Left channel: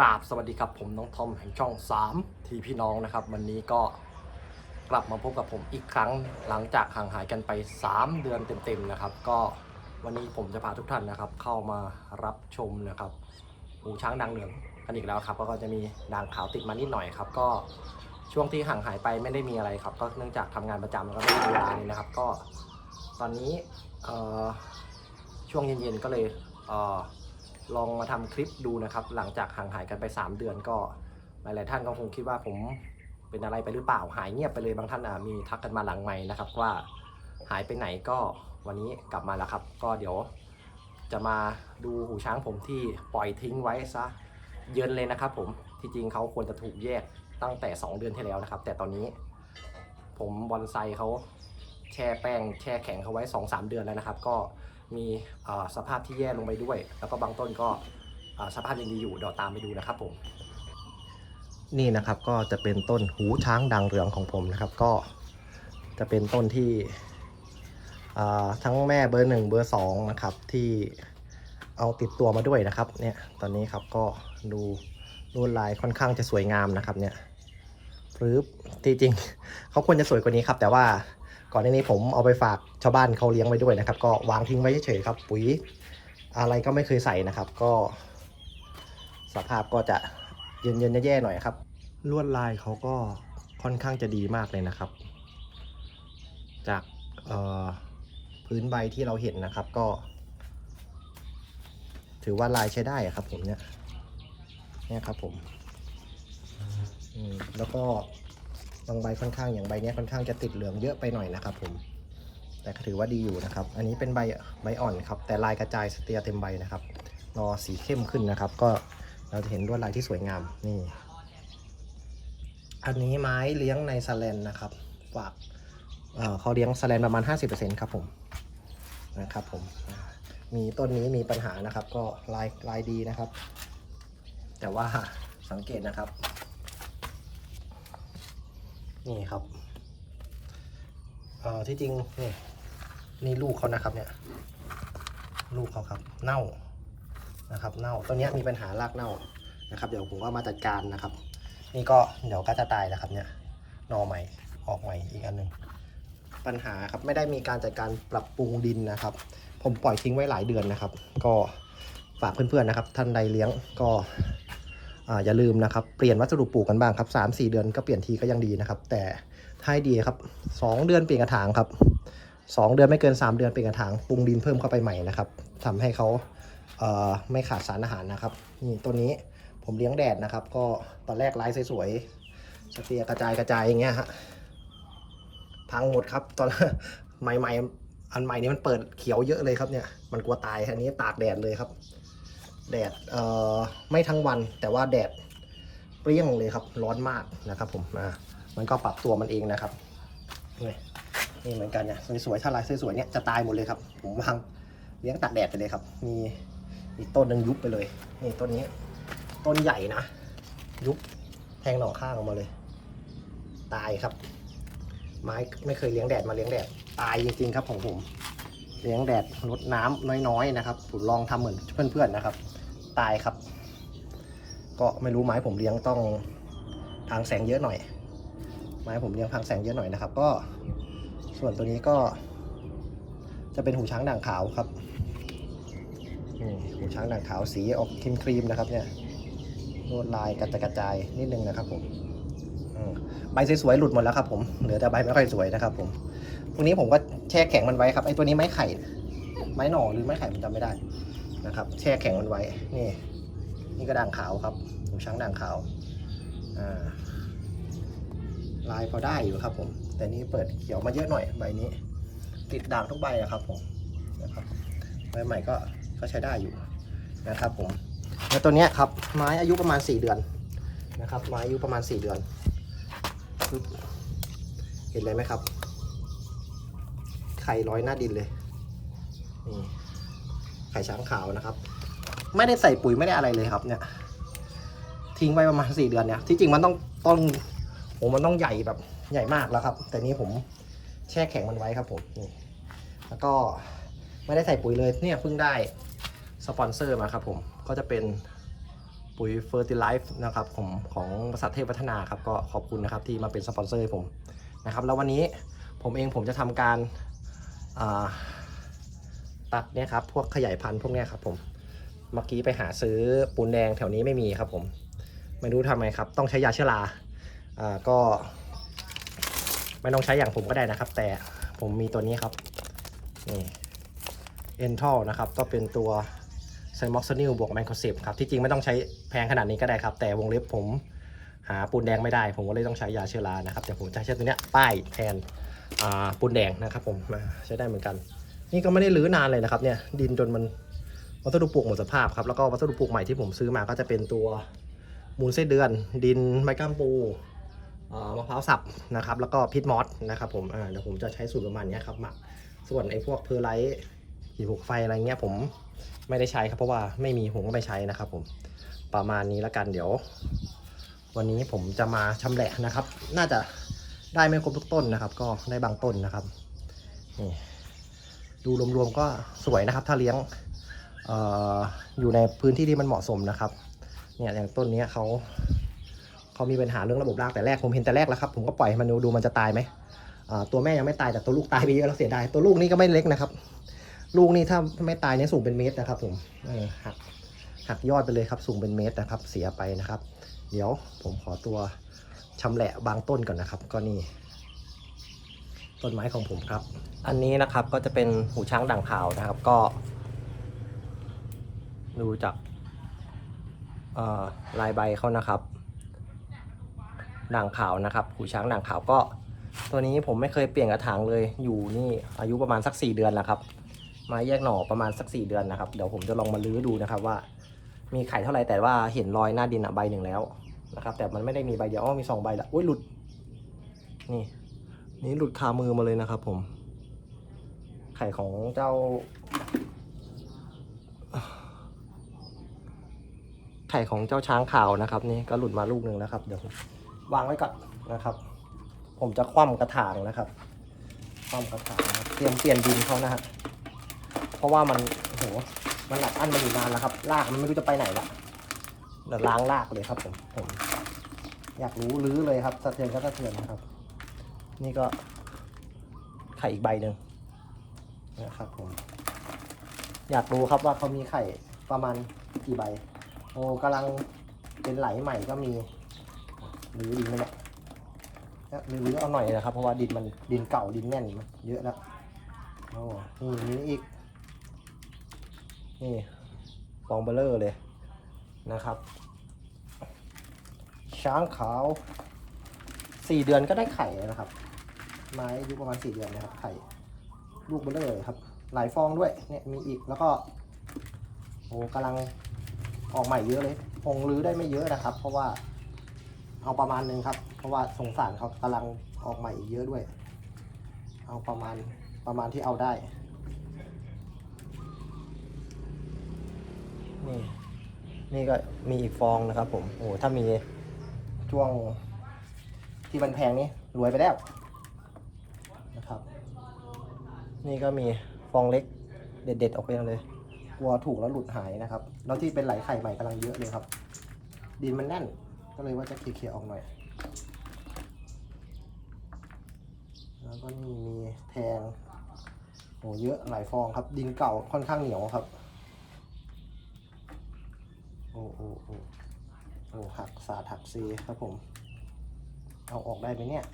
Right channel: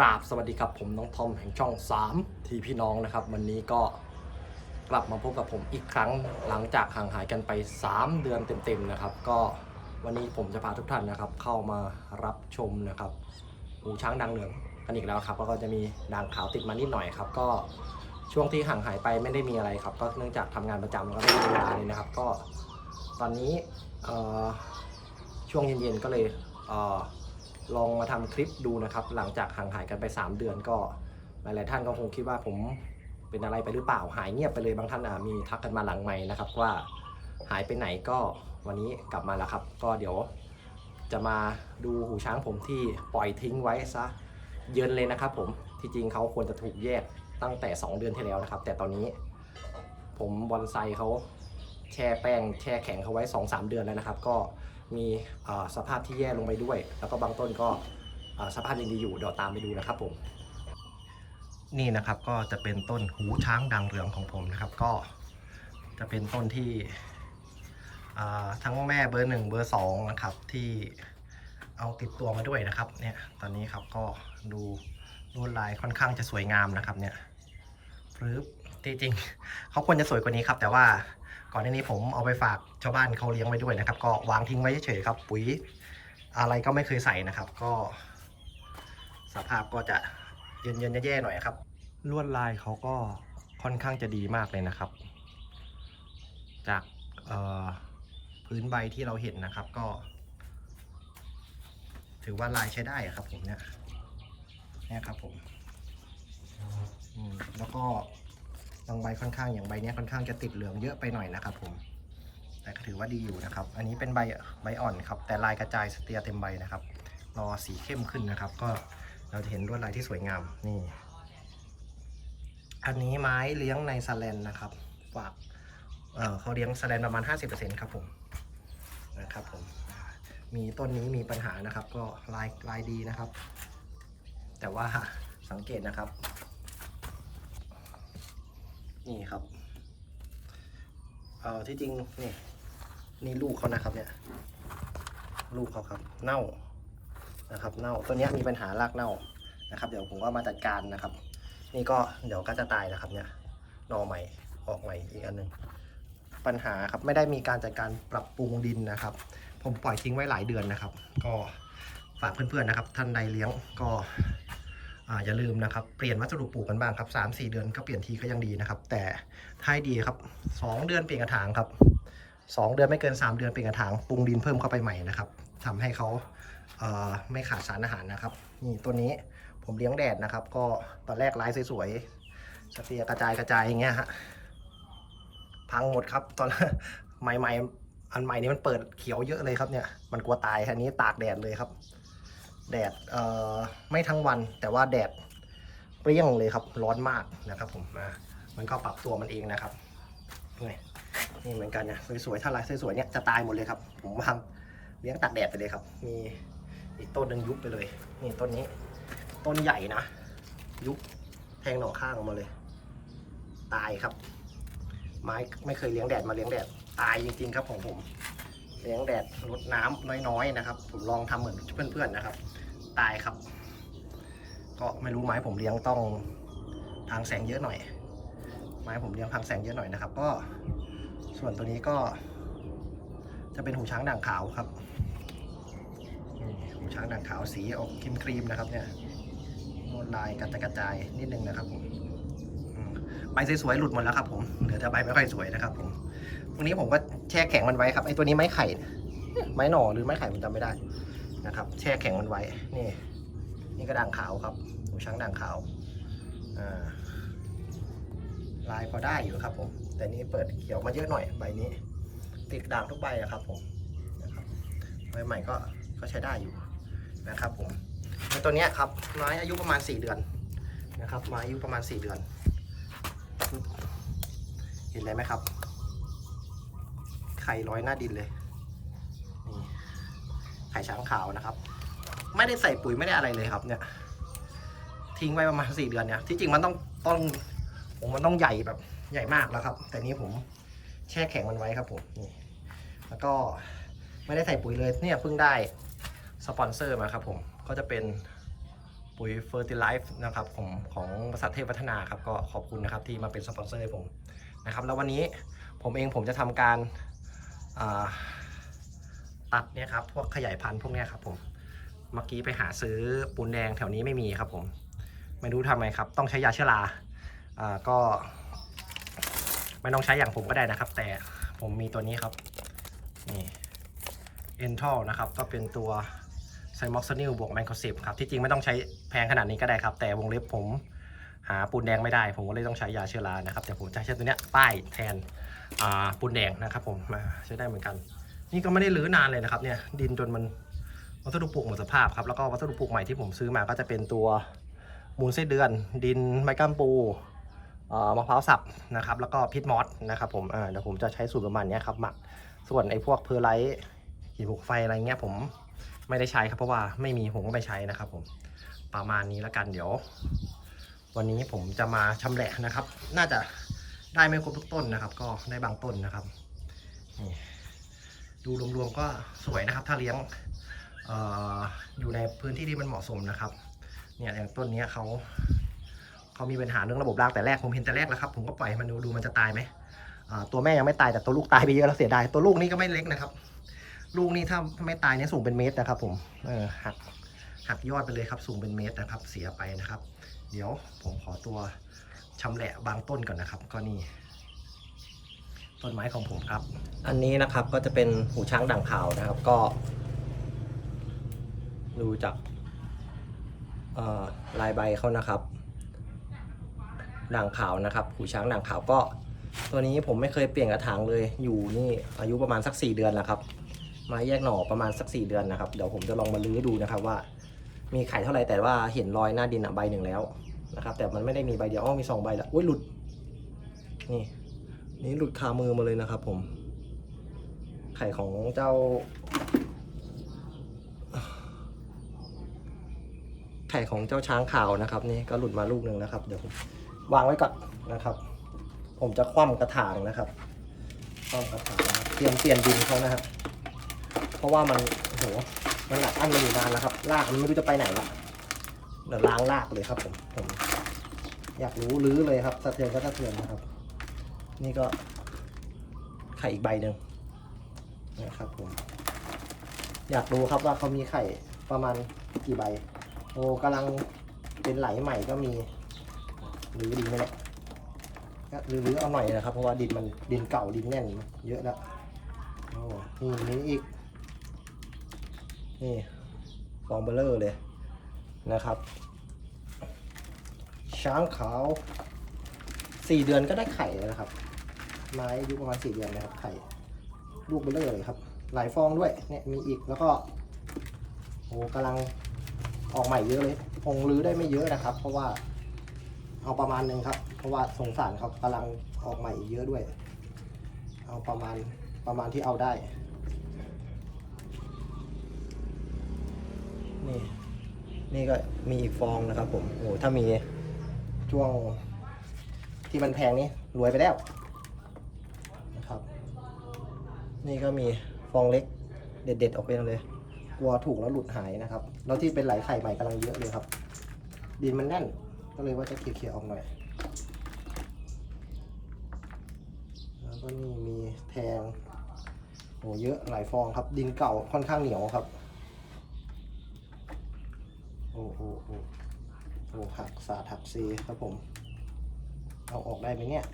ราบสวัสดีครับผมน้องทอมแห่งช่อง 3 ทีพี่น้องนะครับ วันนี้ก็กลับมาพบกับผมอีกครั้งหลังจากห่างหายกันไป 3 เดือนเต็มๆนะครับ ก็วันนี้ผมจะพาทุกท่านนะครับ เข้ามารับชมนะครับหูช้างดังเหลืองกันอีกแล้วครับแล้วก็จะมีด่างขาวติดมานิดหน่อยครับ ก็ช่วงที่ห่างหายไปไม่ได้มีอะไรครับ ก็เนื่องจากทำงานประจำแล้วก็ไม่มีเวลาเลยนะครับ ก็ตอนนี้ช่วงเย็นๆก็เลยเอ่อ ลองมาทำคลิปดูนะครับ หลังจากห่างหายกันไป 3 เดือนก็หลายๆท่านก็คงคิดว่าผมเป็นอะไรไปหรือเปล่าหายเงียบไปเลยบางท่านอะมีทักกันมาหลังใหม่นะครับว่าหายไปไหนก็วันนี้กลับมาแล้วครับ ก็เดี๋ยวจะมาดูหูช้างผมที่ปล่อยทิ้งไว้ซะเยินเลยนะครับ ผมที่จริงเขาควรจะถูกแยกตั้งแต่ 2 เดือนที่แล้วนะครับ แต่ตอนนี้ผมบอนไซเขาแช่แป้งแช่แข็งเขาไว้ 2-3 เดือนแล้วนะครับ ก็ มีสภาพที่แย่ลงไปด้วย แล้วก็บางต้นก็สภาพยังดีอยู่เดี๋ยวตามไปดูนะครับผม นี่นะครับก็จะเป็นต้นหูช้างดังเรืองของผมนะครับ ก็จะเป็นต้นที่ทั้งแม่เบอร์หนึ่งเบอร์สองนะครับที่เอาติดตัวมาด้วยนะครับ เนี่ยตอนนี้ครับก็ดูลวดลายค่อนข้างจะสวยงามนะครับเนี่ยปรื๊บที่จริงเขาควรจะสวยกว่านี้ครับ แต่ว่า ก่อนหน้านี้ผมเอาไปฝากชาวบ้านเขาเลี้ยงไว้ด้วยนะครับ ก็วางทิ้งไว้เฉยๆครับ ปุ๋ยอะไรก็ไม่เคยใส่นะครับ ก็ สภาพก็จะเย็นๆแย่ๆหน่อยครับลวดลายเขาก็ค่อนข้างจะดีมากเลยนะครับ จากพื้นใบที่เราเห็นนะครับ ก็ ถือว่าลายใช้ได้ครับ ผมเนี่ยเนี่ยครับผมมแล้วก็ บางใบค่อนข้างอย่างใบนี้ค่อนข้างจะติดเหลืองเยอะไปหน่อยนะครับผม แต่ก็ถือว่าดีอยู่นะครับ อันนี้เป็นใบใบอ่อนครับ แต่ลายกระจายสเตียเต็มใบนะครับนอสีเข้มขึ้นนะครับ ก็เราจะเห็นลวดลายที่สวยงามนี่ อันนี้ไม้เลี้ยงในสแลนนะครับฝากเเขาเลี้ยงสแลนประมาณ 50%ครับผมนะครับผมมีต้นนี้มีปัญหานะครับ ก็ลายลายดีนะครับ แต่ว่าสังเกตนะครับ นี่ครับเอ่อที่จริงนี่นี่ลูกเขานะครับเนี่ย ลูกเขาครับ เน่านะครับ เน่าตัวเนี้ยมีปัญหารากเน่านะครับ เดี๋ยวผมก็มาจัดการนะครับ นี่ก็เดี๋ยวก็จะตายแล้วครับเนี่ยนอใหม่ออกใหม่อีกอันหนึ่งปัญหาครับไม่ได้มีการจัดการปรับปรุงดินนะครับ ผมปล่อยทิ้งไว้หลายเดือนนะครับ ก็ฝากเพื่อนๆนะครับ ท่านใดเลี้ยงก็ อย่าลืมนะครับ เปลี่ยนวัสดุปลูกกันบ้างครับสามสี่เดือนก็เปลี่ยนทีก็ยังดีนะครับ แต่ถ้าให้ดีครับสองเดือนเปลี่ยนกระถางครับสองเดือนไม่เกินสามเดือนเปลี่ยนกระถางปรุงดินเพิ่มเข้าไปใหม่นะครับทำให้เขาเไม่ขาดสารอาหารนะครับนี่ตัวนี้ผมเลี้ยงแดดนะครับ ก็ตอนแรกไลฟ์สวยๆสเตียกระจายกระจายอย่างเงี้ยฮะพังหมดครับ ตอนใหม่ๆอันใหม่นี้มันเปิดเขียวเยอะเลยครับเนี่ยมันกลัวตายอันนี้ตากแดดเลยครับ แดดเอ่อไม่ทั้งวันแต่ว่าแดดเปรี้ยงเลยครับร้อนมากนะครับผมมันก็ปรับตัวมันเองนะครับนี่นี่เหมือนกันเนี่ยสวยๆถ้าลายสวยๆเนี่ยจะตายหมดเลยครับ ผมวางเลี้ยงตากแดดไปเลยครับ มีอีกต้นหนึ่งยุบไปเลยนี่ต้นนี้ ต้นใหญ่นะ ยุบแทงหน่อข้างออกมาเลย ตายครับ ไม้ไม่เคยเลี้ยงแดดมาเลี้ยงแดด ตายจริงๆครับของผม เลี้ยงแดดลดน้ำน้อยๆนะครับ ผมลองทำเหมือนเพื่อนๆนะครับ ตายครับ ก็ไม่รู้ไม้ผมเลี้ยงต้องทางแสงเยอะหน่อย ไม้ผมเลี้ยงทางแสงเยอะหน่อยนะครับ ก็ส่วนตัวนี้ก็ จะเป็นหูช้างด่างขาวครับหูช้างด่างขาวสีออกครีมครีมๆนะครับ เนี่ยลวดลายกระจายกระจายนิดนึงนะครับผมใบสวยๆหลุดหมดแล้วครับผมเหลือแต่ใบไม่ค่อยสวยนะครับผม วกนี้ผมก็แช่แข็งมันไว้ครับไอ้ตัวนี้ไม้ไข่ ไม้หน่อหรือไม้ไข่ผมจำไม่ได้นะครับ แช่แข็งมันไว้ นี่ นี่ก็ด่างขาวครับหูช้างด่างขาวอ่าลายพอได้อยู่ครับผม แต่นี้เปิดเขียวมาเยอะหน่อยใบนี้ ติดด่างทุกใบอะครับผมนะครับใบใหม่ก็ก็ใช้ได้อยู่นะครับผมแล้วตัวนี้ครับไม้อายุประมาณ 4 เดือนนะครับไม้อายุประมาณ 4 เดือน เห็นเลยไหมครับ ไข่ร้อยหน้าดินเลยนี่ไข่ช้างขาวนะครับ ไม่ได้ใส่ปุ๋ยไม่ได้อะไรเลยครับ เนี่ย ทิ้งไว้ประมาณ4เดือนเนี่ยที่จริงมันต้องต้นผมมันต้องใหญ่แบบใหญ่มากแล้วครับ แต่นี้ผมแช่แข็งมันไว้ครับผมนี่แล้วก็ไม่ได้ใส่ปุ๋ยเลยเนี่ยเพิ่งได้สปอนเซอร์มาครับผมก็จะเป็นปุ๋ยเฟอร์ติไลฟ์นะครับของของบริษัทเทพพัฒนาครับก็ขอบคุณนะครับที่มาเป็นสปอนเซอร์ให้ผมนะครับแล้ววันนี้ผมเองผมจะทำการ ตัดเนี่ยครับพวกขยายพันธุ์พวกเนี้ยครับผมเมื่อกี้ไปหาซื้อปูนแดงแถวนี้ไม่มีครับผมไม่รู้ทำไมครับ ต้องใช้ยาเชื้อราอ่าก็ไม่ต้องใช้อย่างผมก็ได้นะครับ แต่ผมมีตัวนี้ครับนี่ e n t a l นะครับก็เป็นตัวไซม็อกซ n นิลบวกแมนโคซิบครับที่จริงไม่ต้องใช้แพงขนาดนี้ก็ได้ครับ แต่วงเล็บผมหาปูนแดงไม่ได้ ผมก็เลยต้องใช้ยาเชื้อรานะครับแต่ผมจะใช้ตัวเนี้ยป้ายแทน ปูนแดงนะครับผมอ่าใช้ได้เหมือนกัน นี่ก็ไม่ได้รื้อนานเลยนะครับเนี่ยดินจนมันวัสดุปลูกหมดสภาพครับแล้วก็วัสดุปลูกใหม่ที่ผมซื้อมาก็จะเป็นตัวมูลไส้เดือน ดินไม้ก้ามปูมะพร้าวสับนะครับแล้วก็พิษมอสนะครับผมเดี๋ยวผมจะใช้สูตรประมาณนี้ครับหมักส่วนไอ้พวกเพอร์ไลท์หินภูเขาไฟอะไรเงี้ยผมไม่ได้ใช้ครับเพราะว่าไม่มีผมก็ไม่ใช้นะครับผมประมาณนี้แล้วกันเดี๋ยว วันนี้ผมจะมาชำแหละนะครับ น่าจะ ได้ไม่ครบทุกต้นนะครับ ก็ได้บางต้นนะครับนี่ดูรวมๆก็สวยนะครับ ถ้าเลี้ยงเอออยู่ในพื้นที่ที่มันเหมาะสมนะครับเนี่ยอย่างต้นนี้เขาเขามีปัญหาเรื่องระบบรากแต่แรกผมเห็นแต่แรกแล้วครับ ผมก็ปล่อยมันดูดูมันจะตายไหมตัวแม่ยังไม่ตายแต่ตัวลูกตายไปเยอะแล้วเสียดายตัวลูกนี่ก็ไม่เล็กนะครับ ลูกนี่ถ้าไม่ตายเนี่ยสูงเป็นเมตรนะครับ ผมเออหักหักยอดไปเลยครับสูงเป็นเมตรนะครับ เสียไปนะครับ เดี๋ยวผมขอตัว ชำแหละบางต้นก่อนนะครับ ก็นี่ ต้นไม้ของผมครับ อันนี้นะครับก็จะเป็นหูช้างด่างขาวนะครับก็ ดูจากลายใบเขานะครับด่างขาวนะครับหูช้างด่างขาวก็ ตัวนี้ผมไม่เคยเปลี่ยนกระถางเลยอยู่นี่อายุประมาณสัก 4 เดือนแล้วครับไม้แยกหน่อประมาณสัก 4 เดือนนะครับเดี๋ยวผมจะลองมาลื้อดูนะครับว่า มีไข่เท่าไหร่แต่ว่าเห็นรอยหน้าดินอะใบหนึ่งแล้ว นะครับแต่มันไม่ได้มีใบเดียวอ้อมีสองใบละอุ้ยหลุดนี่นี่หลุดคามือมาเลยนะครับ ผม ไข่ของเจ้า ไข่ของเจ้าช้างขาวนะครับ นี่ก็หลุดมาลูกหนึ่งนะครับเดี๋ยววางไว้ก่อนนะครับ ผมจะคว่ำกระถางนะครับคว่ำกระถางเตรียมเปลี่ยนดินเขานะครับ เพราะว่ามันโอ้โหมันหนักอั้นมาอยู่นานแล้วครับรากมันไม่รู้จะไปไหนละเดี๋ยว ล้างรากเลยครับผมผม อยากรู้รื้อเลยครับสะเทือนก็สะเทือนนะครับ นี่ก็ไข่อีกใบหนึ่งนะครับผม อยากรู้ครับว่าเขามีไข่ประมาณกี่ใบโอ้กำลังเป็นไหลใหม่ก็มีหรือดินไหมเนี่ยก็หรือเอาหน่อยนะครับ เพราะว่าดินมันดินเก่าดินแน่นเยอะแล้วโอ้นี่นี่อีก นี่ฟองเบลเลอร์เลย นะครับ ช้างขาวสี่เดือนก็ได้ไข่แล้วนะครับ ไม้อายุประมาณสี่เดือนนะครับ ไข่ ลูกเบลเลอร์เลยครับ หลายฟองด้วย เนี่ยมีอีก แล้วก็ โอ้กำลังออกใหม่เยอะเลย คงรื้อได้ไม่เยอะนะครับ เพราะว่าเอาประมาณหนึ่งครับ เพราะว่าสงสารเขากำลังออกใหม่อีกเยอะด้วย เอาประมาณประมาณที่เอาได้นี่ นี่ก็มีอีกฟองนะครับผมโอ้ถ้ามีช่วงที่มันแพงนี่รวยไปแล้วนะครับ นี่ก็มีฟองเล็กเด็ดๆออกไปเลย กลัวถูกแล้วหลุดหายนะครับ แล้วที่เป็นไหลไข่ใหม่กำลังเยอะเลยครับ ดินมันแน่น ก็เลยว่าจะเคลียร์ออกหน่อย แล้วก็นี่มีแทงโอ้เยอะหลายฟองครับ ดินเก่าค่อนข้างเหนียวครับ โอ้โอ้โอ้ โอ้หักสาดหักซีครับผม เอาออกได้ไหมเนี่ย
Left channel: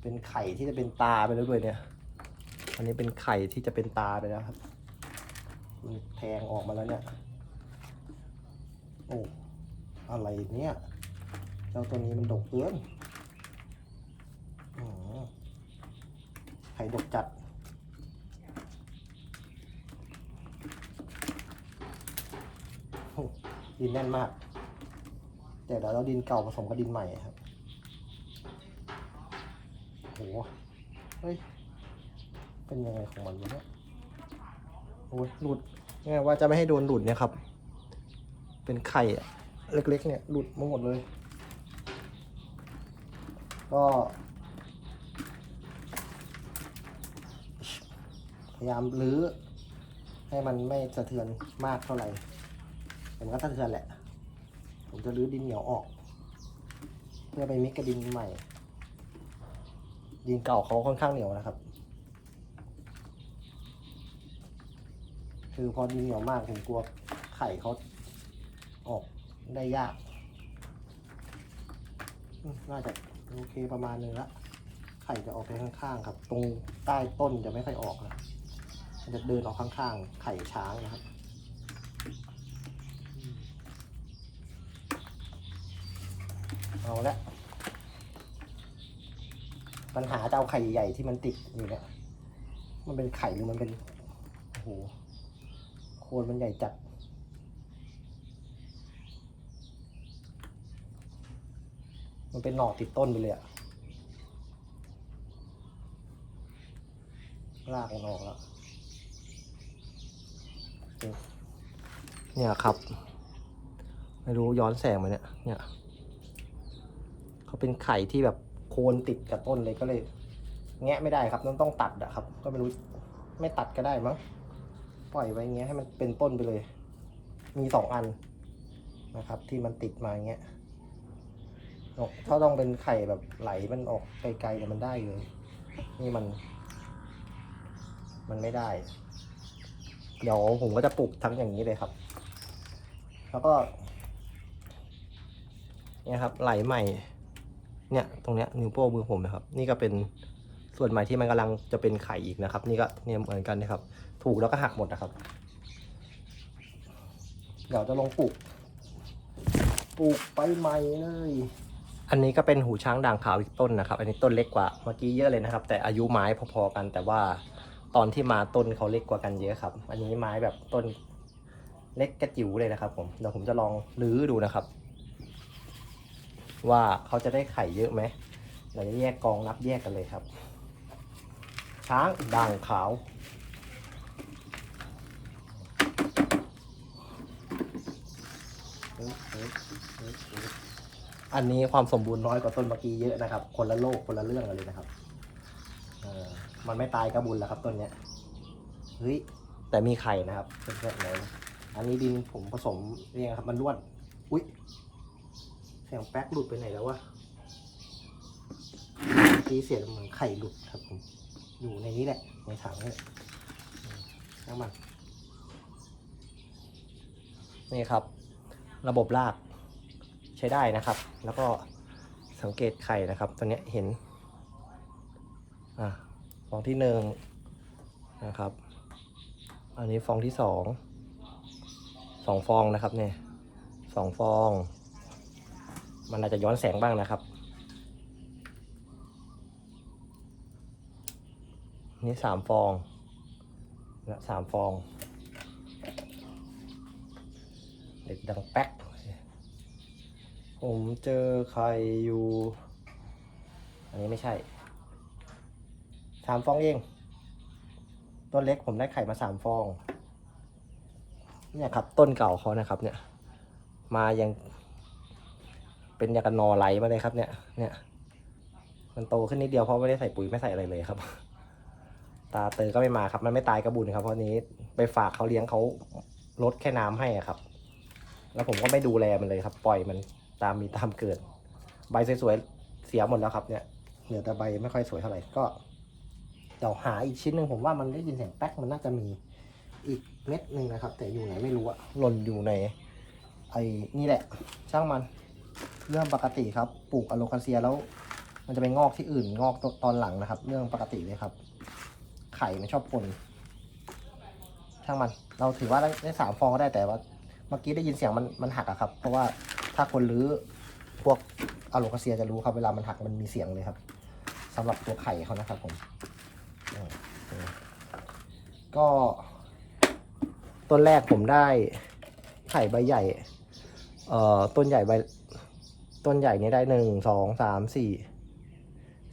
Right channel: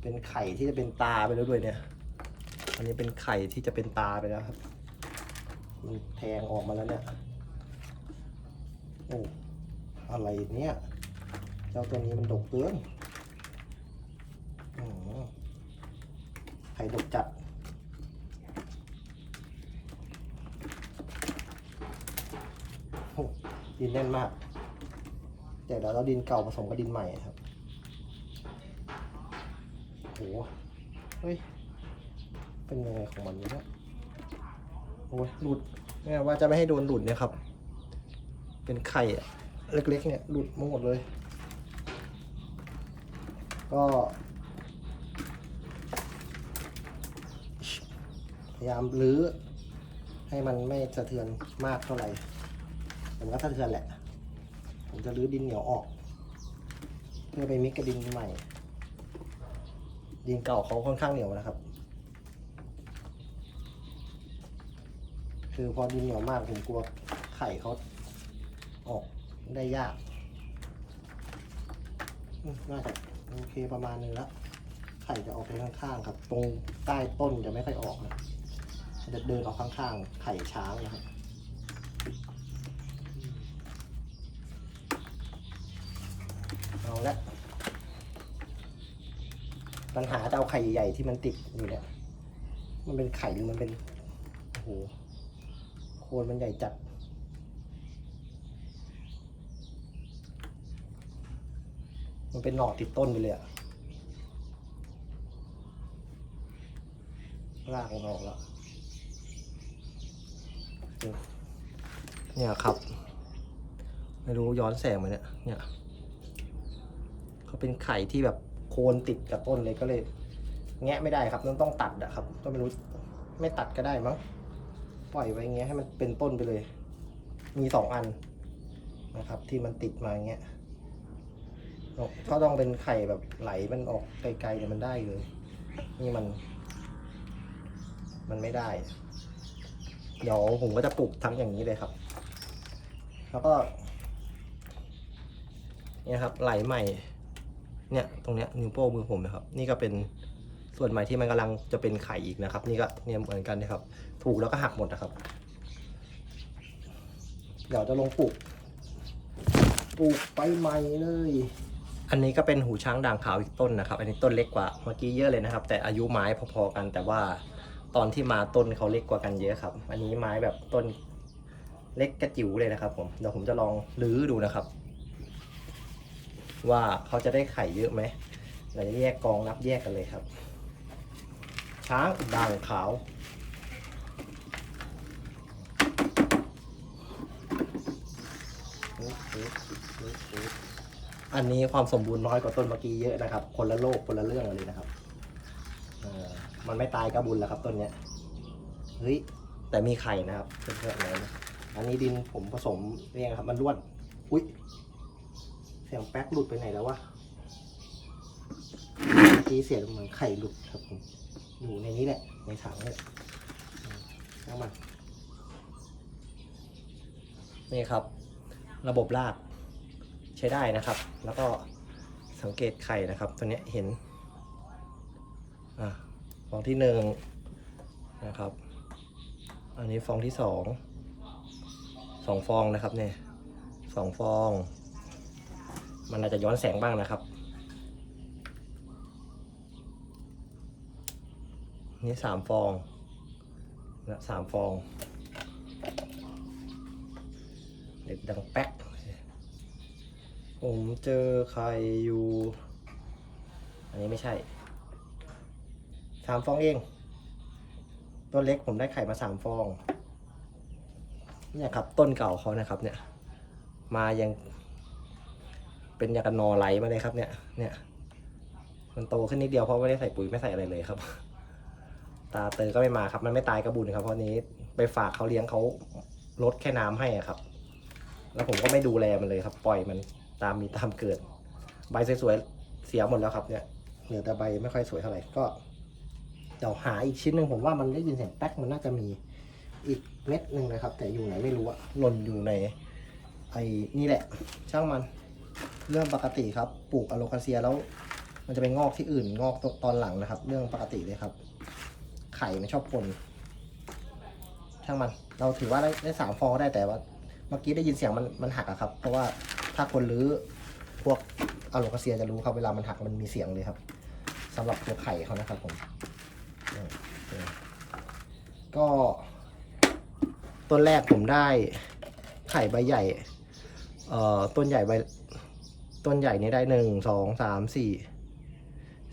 เป็นไข่ที่จะเป็นตาไปแล้วด้วยเนี่ย อันนี้เป็นไข่ที่จะเป็นตาไปแล้วครับ มันแทงออกมาแล้วเนี่ย โอ้ อะไรเนี่ย เจ้าตัวนี้มันดกเกินอไข่ดกจัดโอ้ ดินแน่นมาก แต่เดี๋ยวเราดินเก่าผสมกับดินใหม่ครับโหเฮ้ย เป็นยังไงของมันวะเนี่ยโอ้ยหลุดเนี่ยว่าจะไม่ให้โดนหลุดเนี่ยครับ เป็นไข่อะเล็กๆ เนี่ยหลุดมาหมดเลย ก็พยายามรื้อให้มันไม่สะเทือนมากเท่าไหร่ มันก็สะเทือนแหละ ผมจะรื้อดินเหนียวออก เพื่อไปมิกกับดินใหม่ ดินเก่าเขาค่อนข้างเหนียวนะครับ คือพอดินเหนียวมากผมกลัวไข่เขาออกได้ยาก น่าจะโอเคประมาณนึงละไข่จะออกไปข้างๆครับ ตรงใต้ต้นจะไม่ค่อยออกนะจะเดินออกข้างๆ ไข่ช้างนะครับอืม เอาละ ปัญหาจะเอาไข่ใหญ่ที่มันติดอยู่เนี่ย มันเป็นไข่หรือมันเป็น โอ้โห โคนมันใหญ่จัด มันเป็นหน่อติดต้นไปเลยอะรากมันออกแล้ว เนี่ยครับ ไม่รู้ย้อนแสงไหมเนี่ย เนี่ย เป็นไข่ที่แบบโคนติดกับต้นเลยก็เลย แงะไม่ได้ครับต้องต้องตัดอะครับ ก็ไม่รู้ไม่ตัดก็ได้มั้งปล่อยไว้อย่างเงี้ยให้มันเป็นต้นไปเลย มีสองอันนะครับ ที่มันติดมาอย่างเงี้ยถ้าต้องเป็นไข่แบบไหลมันออกไกลๆเนี่ยมันได้เลย นี่มัน มันไม่ได้ เดี๋ยวผมก็จะปลูกทั้งอย่างนี้เลยครับ แล้วก็เนี่ยครับไหลใหม่ เนี่ยตรงเนี้ยนิ้วโป้งมือผมนะครับ นี่ก็เป็นส่วนใหม่ที่มันกำลังจะเป็นไข่อีกนะครับ นี่ก็เนี่ยเหมือนกันนะครับ ถูกแล้วก็หักหมดนะครับ เดี๋ยวจะลงปลูกปลูกไปใหม่เลย อันนี้ก็เป็นหูช้างด่างขาวอีกต้นนะครับ อันนี้ต้นเล็กกว่าเมื่อกี้เยอะเลยนะครับ แต่อายุไม้พอๆกัน แต่ว่าตอนที่มาต้นเขาเล็กกว่ากันเยอะครับ อันนี้ไม้แบบต้นเล็กกระจิ๋วเลยนะครับ ผมเดี๋ยวผมจะลองรื้อดูนะครับ ว่าเขาจะได้ไข่เยอะไหมเดี๋ยวจะแยกกองนับแยกกันเลยครับ ช้างด่างขาว อันนี้ความสมบูรณ์น้อยกว่าต้นเมื่อกี้เยอะนะครับ คนละโลกคนละเรื่องกันเลยนะครับมันไม่ตายก็บุญแล้วครับต้นเนี้ย เฮ้ย แต่มีไข่นะครับเพื่อนๆไหนอันนี้ดินผมผสมเนี่ยครับ มันร่วน อุ้ย เสียงแป๊กหลุดไปไหนแล้ววะเมื่อกี้เสียงเหมือนไข่หลุดครับผม อยู่ในนี้แหละ ในถังเนี่ยอืมแล้วมันนี่ครับ ระบบรากใช้ได้นะครับ แล้วก็สังเกตไข่นะครับ ตัวเนี้ยเห็น อะฟองที่หนึ่งนะครับ อันนี้ฟองที่สอง สองฟองนะครับเนี่ยสองฟอง มันอาจจะย้อนแสงบ้างนะครับ นี่สามฟองนะสามฟอง เด็กดังแป๊ก ผมเจอใครอยู่ อันนี้ไม่ใช่สามฟองเองต้นเล็กผมได้ไข่มาสามฟอง เนี่ยครับต้นเก่าเขานะครับเนี่ย มายัง เป็นยากันนอไหลมาเลยครับเนี่ย เนี่ย มันโตขึ้นนิดเดียวเพราะไม่ได้ใส่ปุ๋ยไม่ใส่อะไรเลยครับ ตาเตยก็ไม่มาครับ มันไม่ตายกระบุญครับเพราะนี้ไปฝากเขาเลี้ยงเขาลดแค่น้ำให้ครับ แล้วผมก็ไม่ดูแลมันเลยครับ ปล่อยมันตามมีตามเกิด ใบสวยๆเสียหมดแล้วครับ เนี่ยเหลือแต่ใบไม่ค่อยสวยเท่าไหร่ก็เดี๋ยวหาอีกชิ้นหนึ่งผมว่ามันได้ยินเสียงแป๊กมันน่าจะมีอีกเม็ดหนึ่งนะครับ แต่อยู่ไหนไม่รู้อะหล่นอยู่ในไอ้นี่แหละ ช่างมัน เรื่องปกติครับ ปลูกอะโลคาเซียแล้ว มันจะไปงอกที่อื่นงอกตอนหลังนะครับ เรื่องปกติเลยครับ ไข่มันชอบปนช่างมัน เราถือว่าได้ได้สามฟองก็ได้แต่ว่า เมื่อกี้ได้ยินเสียงมันมันหักอะครับ เพราะว่าถ้าคนรื้อพวกอะโลคาเซียจะรู้ครับ เวลามันหักมันมีเสียงเลยครับสำหรับตัวไข่เขานะครับผมก็ต้นแรกผมได้ไข่ใบใหญ่ เอ่อ ต้นใหญ่ใบ ต้นใหญ่นี่ได้หนึ่งสองสามสี่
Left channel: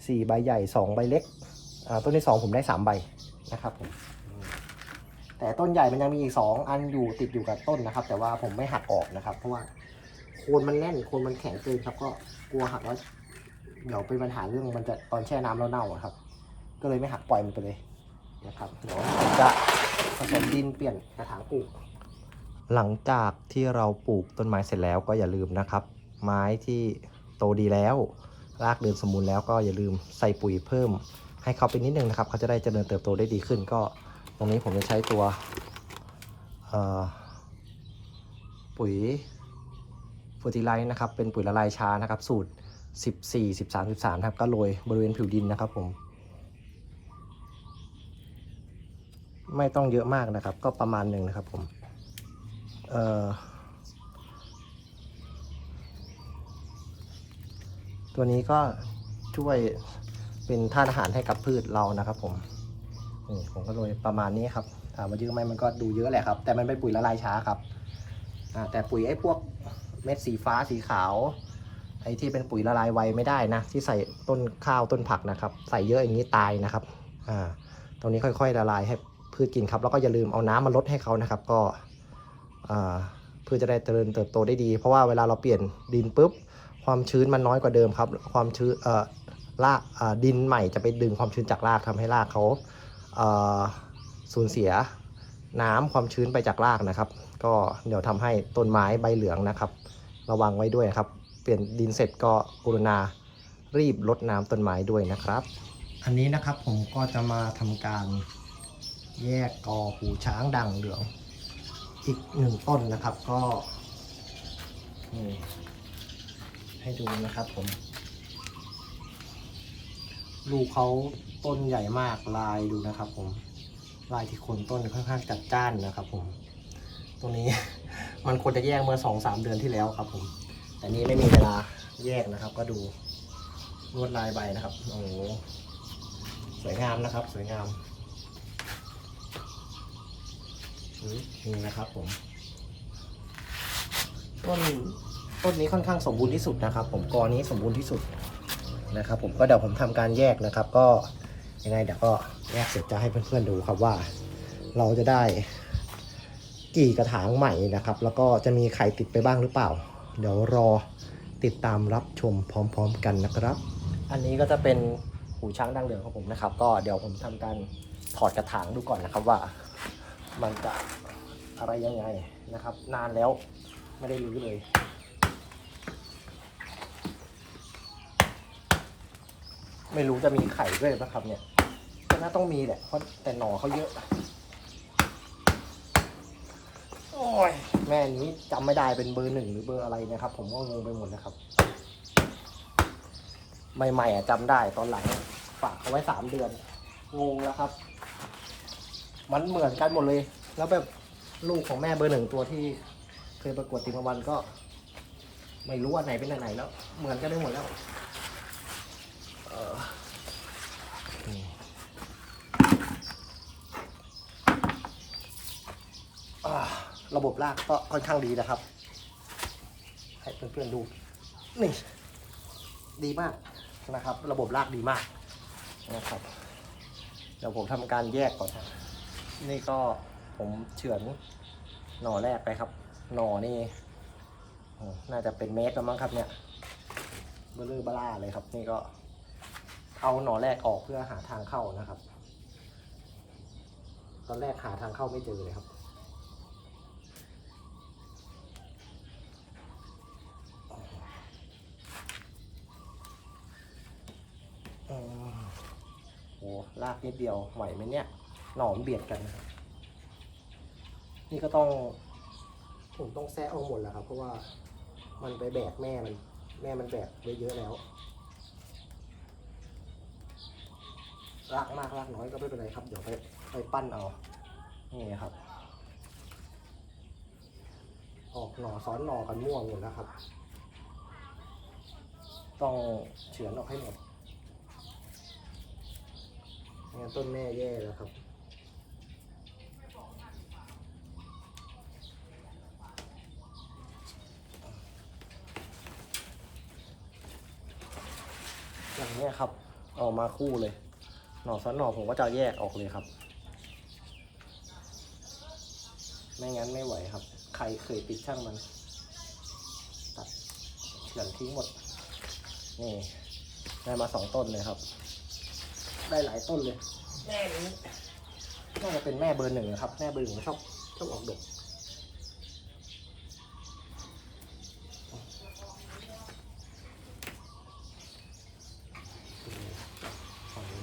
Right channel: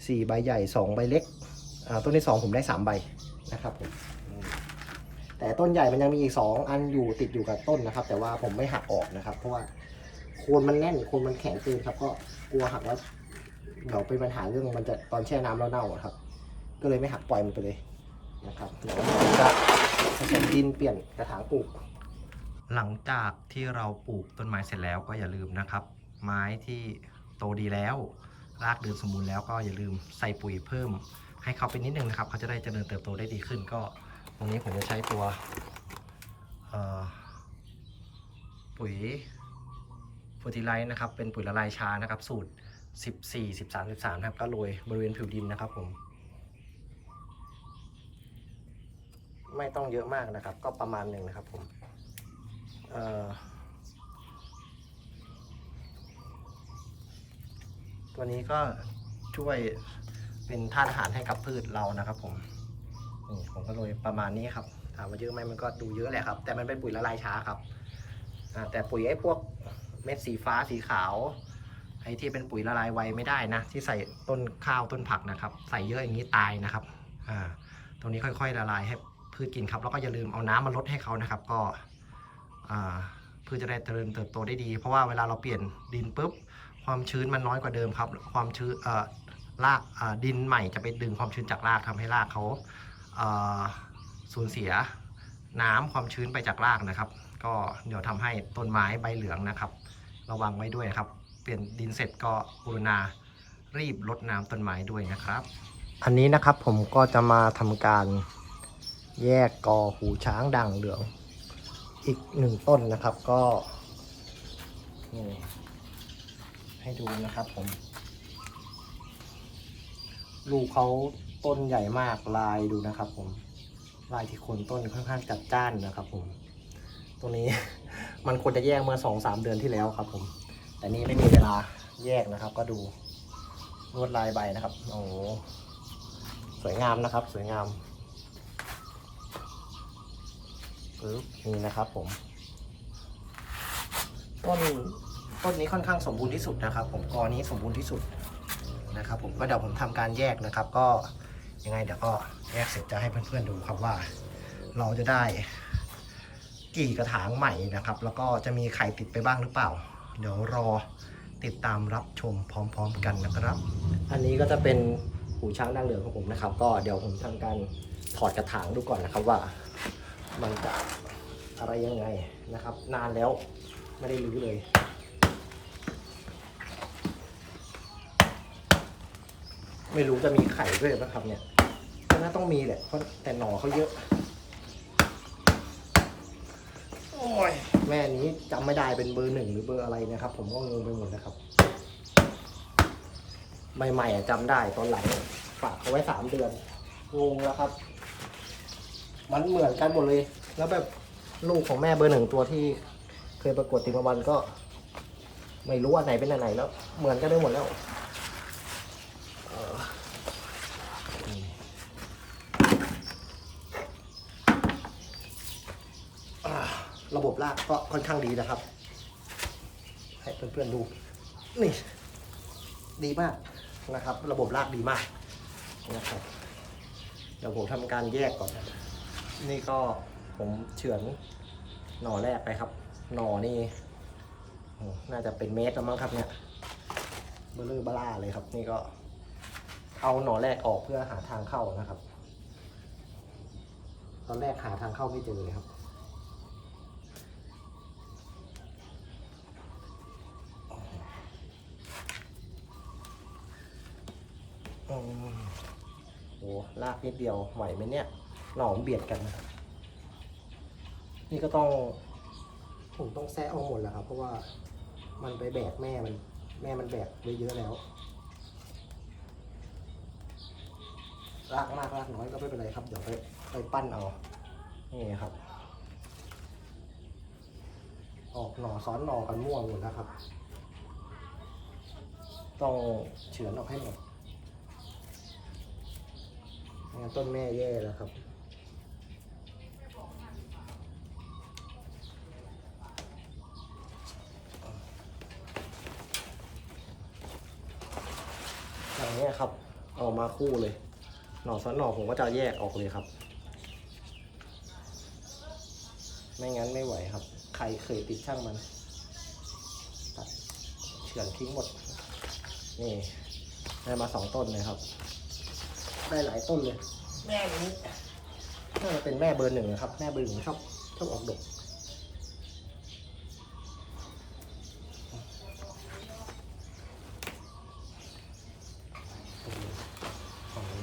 สี่ใบใหญ่สองใบเล็กอ่าต้นที่สองผมได้สามใบนะครับผมแต่ต้นใหญ่มันยังมีอีกสองอันอยู่ติดอยู่กับต้นนะครับ แต่ว่าผมไม่หักออกนะครับ เพราะว่าโคนมันแน่นโคนมันแข็งเกินครับ ก็กลัวหักแล้วเดี๋ยวเป็นปัญหาเรื่องมันจะตอนแช่น้ำแล้วเน่าครับ ก็เลยไม่หักปล่อยมันไปเลยนะครับเดี๋ยวผมจะผสมดินเปลี่ยนกระถางปลูกหลังจากที่เราปลูกต้นไม้เสร็จแล้วก็อย่าลืมนะครับ ไม้ที่โตดีแล้ว รากเดินสมบูรณ์แล้วก็อย่าลืมใส่ปุ๋ยเพิ่ม ให้เขาเป็นนิดนึงนะครับ เขาจะได้เจริญเติบโตได้ดีขึ้น ก็ตรงนี้ผมจะใช้ตัวปุ๋ยฟูติไลท์นะครับ เป็นปุ๋ยละลายช้านะครับ สูตร 14 13 13ครับ ก็โรยบริเวณผิวดินนะครับผม ไม่ต้องเยอะมากนะครับ ก็ประมาณหนึ่งนะครับผม เอ่อ ตัวนี้ก็ช่วยเป็นธาตุอาหารให้กับพืชเรานะครับ ผมนี่ผมก็โรยประมาณนี้ครับถามว่าเยอะไหมมันก็ดูเยอะแหละครับ แต่มันเป็นปุ๋ยละลายช้าครับแต่ปุ๋ยไอ้พวกเม็ดสีฟ้าสีขาวไอ้ที่เป็นปุ๋ยละลายไวไม่ได้นะ ที่ใส่ต้นข้าวต้นผักนะครับ ใส่เยอะอย่างนี้ตายนะครับอ่าตรงนี้ค่อยๆละลายให้พืชกินครับ แล้วก็อย่าลืมเอาน้ำมาลดให้เขานะครับ ก็อ่าพืชจะได้เจริญเติบโตได้ดี เพราะว่าเวลาเราเปลี่ยนดินปุ๊บ ความชื้นมันน้อยกว่าเดิมครับ ความชื้นเอ่อรากอ่าดินใหม่จะไปดึงความชื้นจากรากทำให้รากเขาเอ่อสูญเสียน้ำความชื้นไปจากรากนะครับ ก็เดี๋ยวทำให้ต้นไม้ใบเหลืองนะครับ ระวังไว้ด้วยครับ เปลี่ยนดินเสร็จก็กรุณารีบรดน้ำต้นไม้ด้วยนะครับ อันนี้นะครับผมก็จะมาทำการแยกกอหูช้างด่างเหลือง อีกหนึ่งต้นนะครับก็นี่ ให้ดูนะครับผม ลูกเขาต้นใหญ่มากลายดูนะครับผม ลายที่โคนต้นค่อนข้างจัดจ้านนะครับผม ตรงนี้ มันควรจะแยกเมื่อสองสามเดือนที่แล้วครับผม แต่นี่ไม่มีเวลาแยกนะครับ ก็ดูลวดลายใบนะครับ โอ้โหสวยงามนะครับ สวยงามปึ๊บนี่นะครับผม ต้น ต้นนี้ค่อนข้างสมบูรณ์ที่สุดนะครับ ผมกอนี้สมบูรณ์ที่สุดนะครับ ผมก็เดี๋ยวผมทำการแยกนะครับ ก็ยังไงเดี๋ยวก็แยกเสร็จจะให้เพื่อนๆดูครับว่า เราจะได้กี่กระถางใหม่นะครับ แล้วก็จะมีไข่ติดไปบ้างหรือเปล่า เดี๋ยวรอติดตามรับชมพร้อม ๆ กันนะครับ อันนี้ก็จะเป็นหูช้างดังเหลืองของผมนะครับ ก็เดี๋ยวผมทำการถอดกระถางดูก่อนนะครับว่า มันจะอะไรยังไงนะครับ นานแล้วไม่ได้รื้อเลย ไม่รู้จะมีไข่ด้วยไหมครับเนี่ยก็น่าต้องมีแหละเพราะแต่หน่อเขาเยอะ โอ้ยแม่นี้จำไม่ได้เป็นเบอร์หนึ่งหรือเบอร์อะไรนะครับ ผมก็งงไปหมดนะครับ ใหม่ๆอะจำได้ตอนหลังฝากเขาไว้สามเดือน งงแล้วครับ มันเหมือนกันหมดเลย แล้วแบบลูกของแม่เบอร์หนึ่งตัวที่ เคยประกวดติมวันก็ ไม่รู้อันไหนเป็นอันไหนแล้ว เหมือนกันได้หมดแล้วเอ่อนี่อ่า ระบบลากก็ค่อนข้างดีนะครับ ให้เพื่อนๆดูนี่ดีมากนะครับ ระบบลากดีมากนะครับเดี๋ยวผมทำการแยกก่อนนะนี่ก็ผมเฉือนหน่อแรกไปครับ หน่อนี่น่าจะเป็นเมตรแล้วมั้งครับเนี่ยเบลอเบลาเลยครับ นี่ก็เอาหน่อแรกออกเพื่อหาทางเข้านะครับ ตอนแรกหาทางเข้าไม่เจอเลยครับ โอืมโอ้ลากนิดเดียวไหวไหมเนี่ยหน่อมเบียดกันนะครับนี่ก็ต้องผมต้องแซะเอาหมดแล้วครับ เพราะว่ามันไปแบกแม่มัน แม่มันแบกไว้เยอะแล้วลากมากลากน้อยก็ไม่เป็นไรครับ เดี๋ยวไปไปปั้นเอา นี่ครับ ออกหน่อซ้อนหน่อกันม่วงหมดแล้วครับ ต้องเฉือนออกให้หมด งั้นต้นแม่แย่แล้วครับอย่างนี้ครับ เอามาคู่เลย หน่อซ้อนหน่อผมก็จะแยกออกเลยครับ ไม่งั้นไม่ไหวครับ ใครเคยติดช่างมัน ตัดเฉือนทิ้งหมด นี่ ได้มาสองต้นเลยครับ ได้หลายต้นเลย แม่นี้น่าจะเป็นแม่เบอร์หนึ่งนะครับ แม่เบอร์หนึ่งชอบชอบออกดก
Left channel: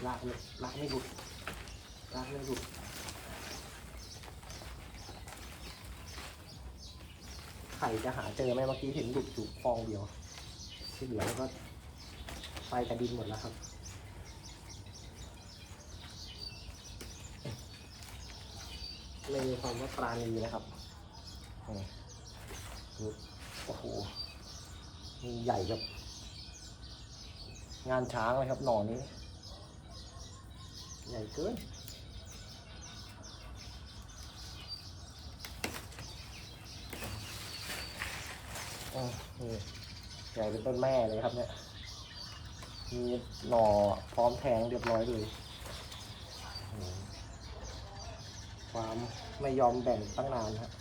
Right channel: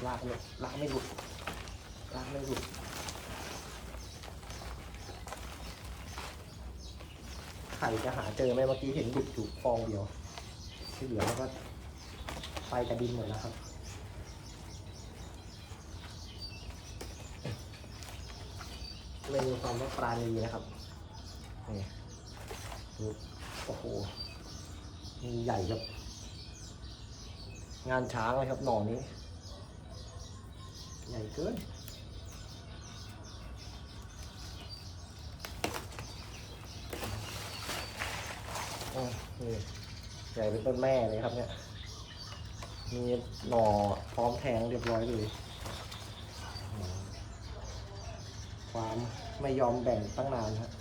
ลากเลยลากไม่หลุดลากไม่หลุดไข่จะหาเจอไหมเมื่อกี้เห็นหลุดอยู่ฟองเดียวที่เหลือก็ไปกระดินหมดแล้วครับ ไม่มีความว่าปราณีนะครับนี่ดูโอ้โหมีใหญ่กับ งานช้างเลยครับหน่อนี้ ใหญ่เกินใหญ่เป็นต้นแม่เลยครับเนี่ย มีหน่อพร้อมแทงเรียบร้อยเลยอืม ความไม่ยอมแบ่งตั้งนานครับ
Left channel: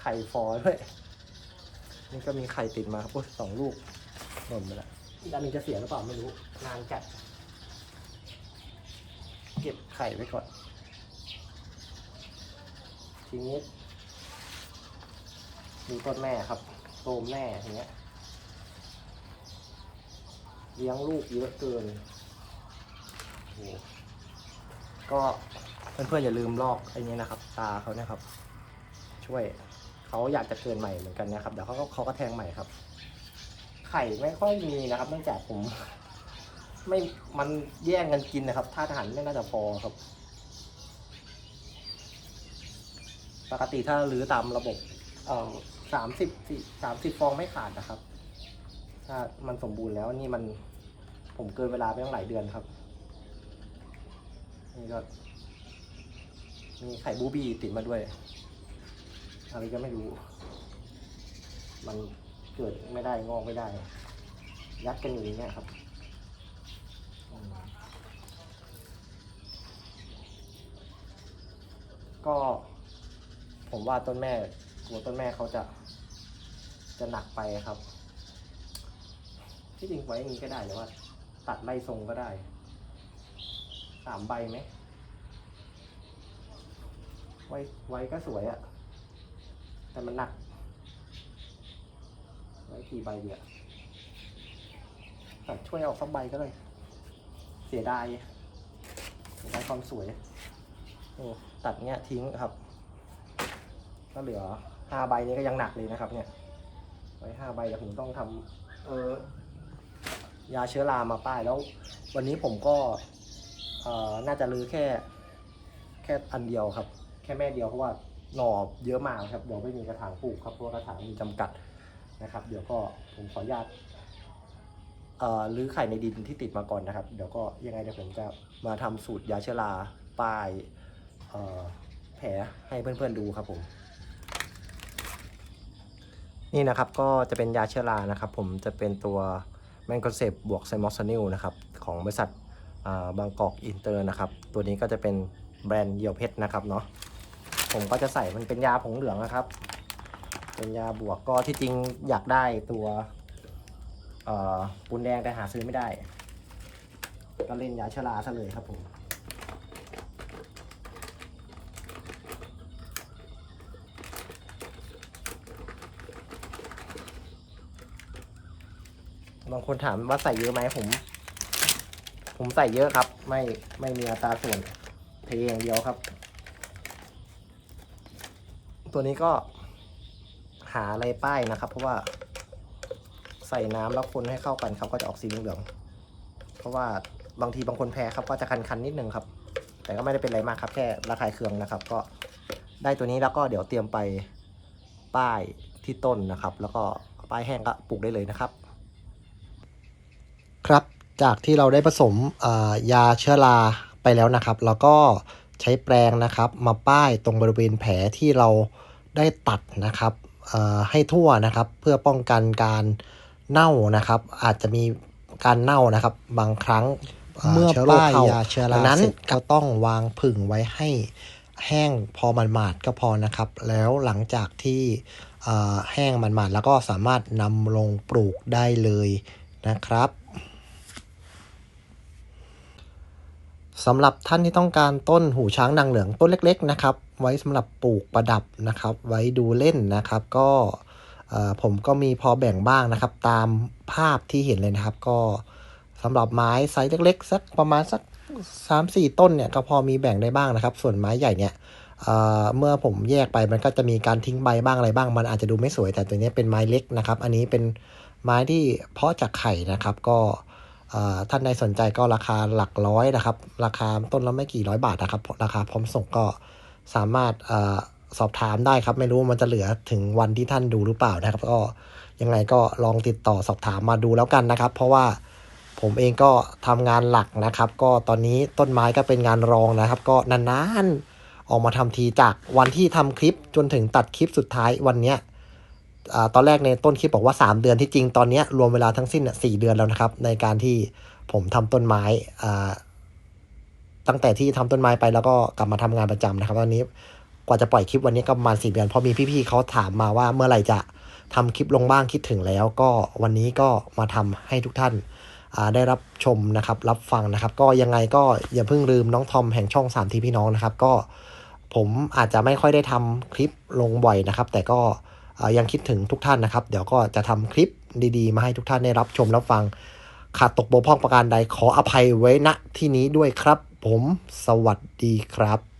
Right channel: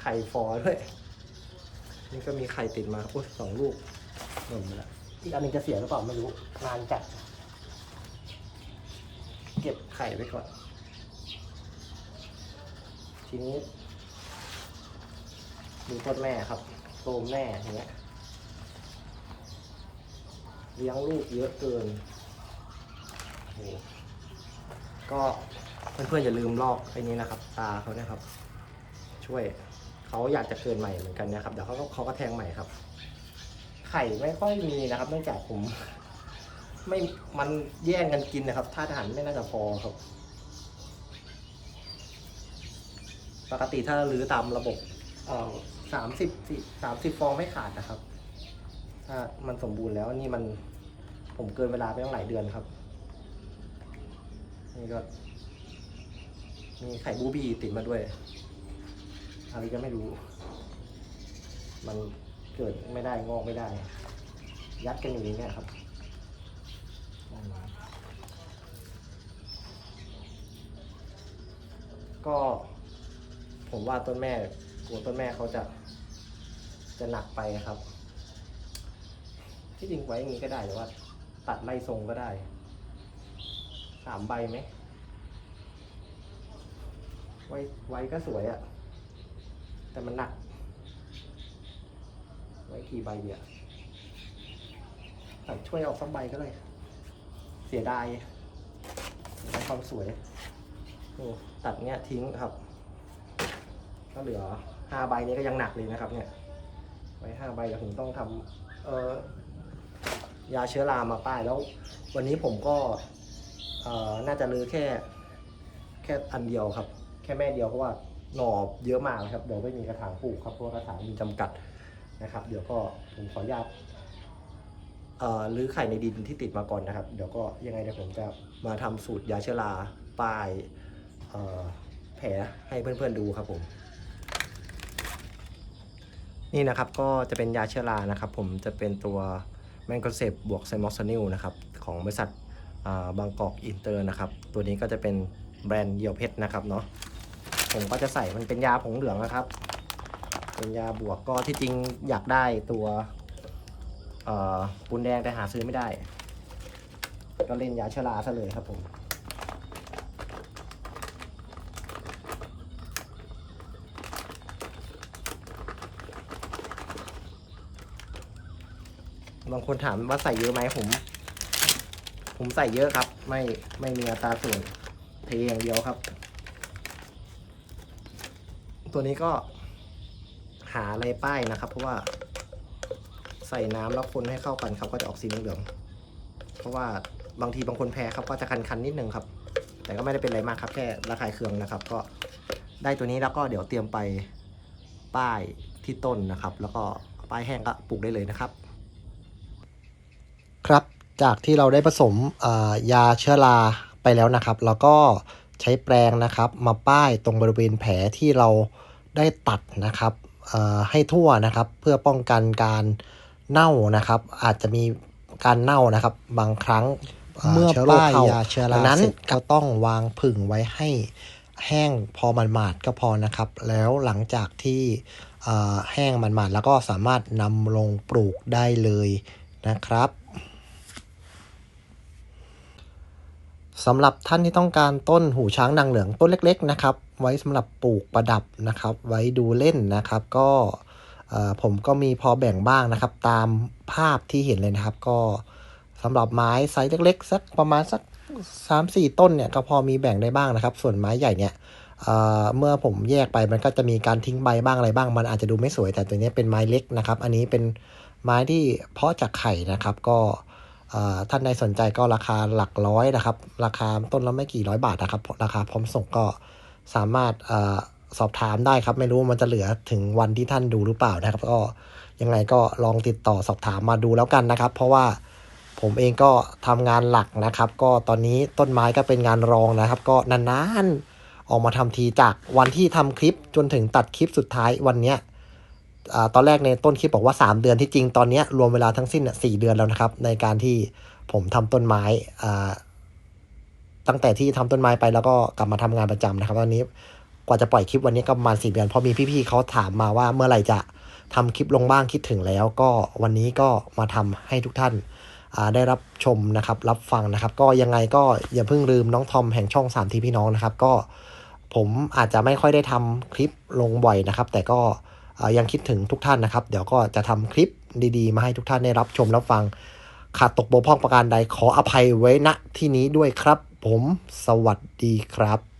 ไข่ฟอด้วย นี่ก็มีไข่ติดมาโอ้ยสองลูกหล่นไปแล้วอีกอันนึงจะเสียหรือเปล่าไม่รู้ นานจัด เก็บไข่ไว้ก่อน ทีนี้ดูต้นแม่ครับโตมแม่อย่างเงี้ย เลี้ยงลูกเยอะเกินโอ้โหก็เพื่อนๆอย่าลืมลอกไอ้นี้นะครับ ตาเขาเนี่ยครับ ช่วยเขาอยากจะเกินใหม่เหมือนกันนะครับเดี๋ยวเขาก็เขาก็แทงใหม่ครับ ไข่ไม่ค่อยมีนะครับเนื่องจากผมไม่มันแย่งกันกินนะครับท่าทหารไม่น่าจะพอครับ ปกติถ้ารื้อตามระบบเอ่อสามสิบสามสิบฟองไม่ขาดนะครับ ถ้ามันสมบูรณ์แล้วนี่มันผมเกินเวลาไปตั้งหลายเดือนครับ นี่ก็ มีไข่บูบี้ติดมาด้วย อะไรก็ไม่รู้ มันเกิดไม่ได้งอกไม่ได้ ยัดกันอยู่อย่างเงี้ยครับก็ ผมว่าต้นแม่กลัวต้นแม่เขาจะจะหนักไปครับ ที่จริงไว้อย่างนี้ก็ได้แต่ว่า ตัดไล่ทรงก็ได้สามใบไหมไว้ไว้ก็สวยอะแต่มันหนัก ไว้กี่ใบเดียวตัดช่วยเอาสักใบก็เลย เสียดายเสียดายความสวยตัดเนี้ยทิ้งครับ ก็เหลือห้าใบนี้ก็ยังหนักเลยนะครับ เนี่ย ไว้ห้าใบเดี๋ยวผมต้องทำเออ ยาเชื้อรามาป้ายแล้ว วันนี้ผมก็น่าจะลื้อแค่แค่อันเดียวครับ แค่แม่เดียวเพราะว่าหน่อเยอะมากนะครับเดี๋ยวไม่มีกระถางปลูกครับเพราะกระถางมีจำกัดนะครับ เดี๋ยวก็ผมขออนุญาตรื้อไข่ในดินที่ติดมาก่อนนะครับ เดี๋ยวก็ยังไงเดี๋ยวผมจะมาทำสูตรยาเชื้อราป้ายแผลให้เพื่อนๆดูครับผม นี่นะครับก็จะเป็นยาเชื้อรานะครับ ผมจะเป็นตัว แมนโคเซปบวกไซมอสนิลนะครับของบริษัทบางกอกอินเตอร์นะครับ ตัวนี้ก็จะเป็นแบรนด์เยียวเพชรนะครับเนาะผมก็จะใส่มันเป็นยาผงเหลืองนะครับ เป็นยาบวกก็ที่จริงอยากได้ตัวปูนแดงแต่หาซื้อไม่ได้ ก็เล่นยาชราซะเลยครับผม บางคนถามว่าใส่เยอะไหมผม ผมใส่เยอะครับ ไม่ไม่มีอัตราส่วนเทอย่างเดียวครับ ตัวนี้ก็หาอะไรป้ายนะครับ เพราะว่าใส่น้ำแล้วคนให้เข้ากันครับก็จะออกสีเหลืองๆเพราะว่าบางทีบางคนแพ้ครับก็จะคันๆนิดนึงครับ แต่ก็ไม่ได้เป็นอะไรมากครับ แค่ระคายเคืองนะครับ ก็ได้ตัวนี้แล้วก็เดี๋ยวเตรียมไปป้ายที่ต้นนะครับ แล้วก็ป้ายแห้งก็ปลูกได้เลยนะครับ จากที่เราได้ผสมอ่ายาเชื้อราไปแล้วนะครับ แล้วก็ใช้แปรงนะครับ มาป้ายตรงบริเวณแผลที่เราได้ตัดนะครับเอ่อให้ทั่วนะครับ เพื่อป้องกันการเน่านะครับ อาจจะมีการเน่านะครับ บางครั้งเมื่อชื้โรคป้ายเข้ยาเชื้อราดังนั้นเสร็จก็ต้องวางผึ่งไว้ให้แห้งพอมันหมาดๆก็พอนะครับ แล้วหลังจากที่เอ่อแห้งมันหมาดๆแล้วก็สามารถนำลงปลูกได้เลยนะครับ สำหรับท่านที่ต้องการต้นหูช้างนางเหลืองต้นเล็ก ๆ นะครับ ไว้สำหรับปลูกประดับนะครับ ไว้ดูเล่นนะครับ ก็ผมก็มีพอแบ่งบ้างนะครับ ตามภาพที่เห็นเลยนะครับ ก็สำหรับไม้ไซส์เล็ก ๆ สักประมาณสักสามสี่ต้นเนี่ยก็พอมีแบ่งได้บ้างนะครับ ส่วนไม้ใหญ่เนี่ยเเมื่อผมแยกไปมันก็จะมีการทิ้งใบบ้างอะไรบ้าง มันอาจจะดูไม่สวยแต่ตัวนี้เป็นไม้เล็กนะครับ อันนี้เป็นไม้ที่เพาะจากไข่นะครับ ก็ ท่านใดสนใจก็ราคาหลักร้อยนะครับ ราคาต้นละไม่กี่ร้อยบาทนะครับ ราคาพร้อมส่งก็สามารถอสอบถามได้ครับ ไม่รู้มันจะเหลือถึงวันที่ท่านดูหรือเปล่านะครับ ก็ยังไงก็ลองติดต่อสอบถามมาดูแล้วกันนะครับ เพราะว่าผมเองก็ทำงานหลักนะครับ ก็ตอนนี้ต้นไม้ก็เป็นงานรองนะครับ ก็นานๆออกมาทำทีจากวันที่ทำคลิปจนถึงตัดคลิปสุดท้ายวันเนี้ย ตอนแรกในต้นคลิปบอกว่า 3 เดือนที่จริงตอนนี้รวมเวลาทั้งสิ้นสี่เดือนแล้วนะครับ ในการที่ผมทำต้นไม้ตั้งแต่ที่ทำต้นไม้ไปแล้วก็กลับมาทำงานประจำนะครับตอนนี้กว่าจะปล่อยคลิปวันนี้ก็ประมาณสี่เดือนเพอมีพี่ๆเขาถามมาว่าเมื่อไหร่จะทำคลิปลงบ้างคิดถึงแล้ว ก็วันนี้ก็มาทำให้ทุกท่านได้รับชมนะครับ รับฟังนะครับ ก็ยังไงก็อย่าเพิ่งลืมน้องทอมแห่งช่องสามทีพี่น้องนะครับ ก็ผมอาจจะไม่ค่อยได้ทำคลิปลงบ่อยนะครับ แต่ก็ ยังคิดถึงทุกท่านนะครับ เดี๋ยวก็จะทำคลิปดีๆ มาให้ทุกท่านได้รับชมรับฟัง ขาดตกบกพร่องประการใดขออภัยไว้ณที่นี้ด้วยครับ ผม สวัสดีครับ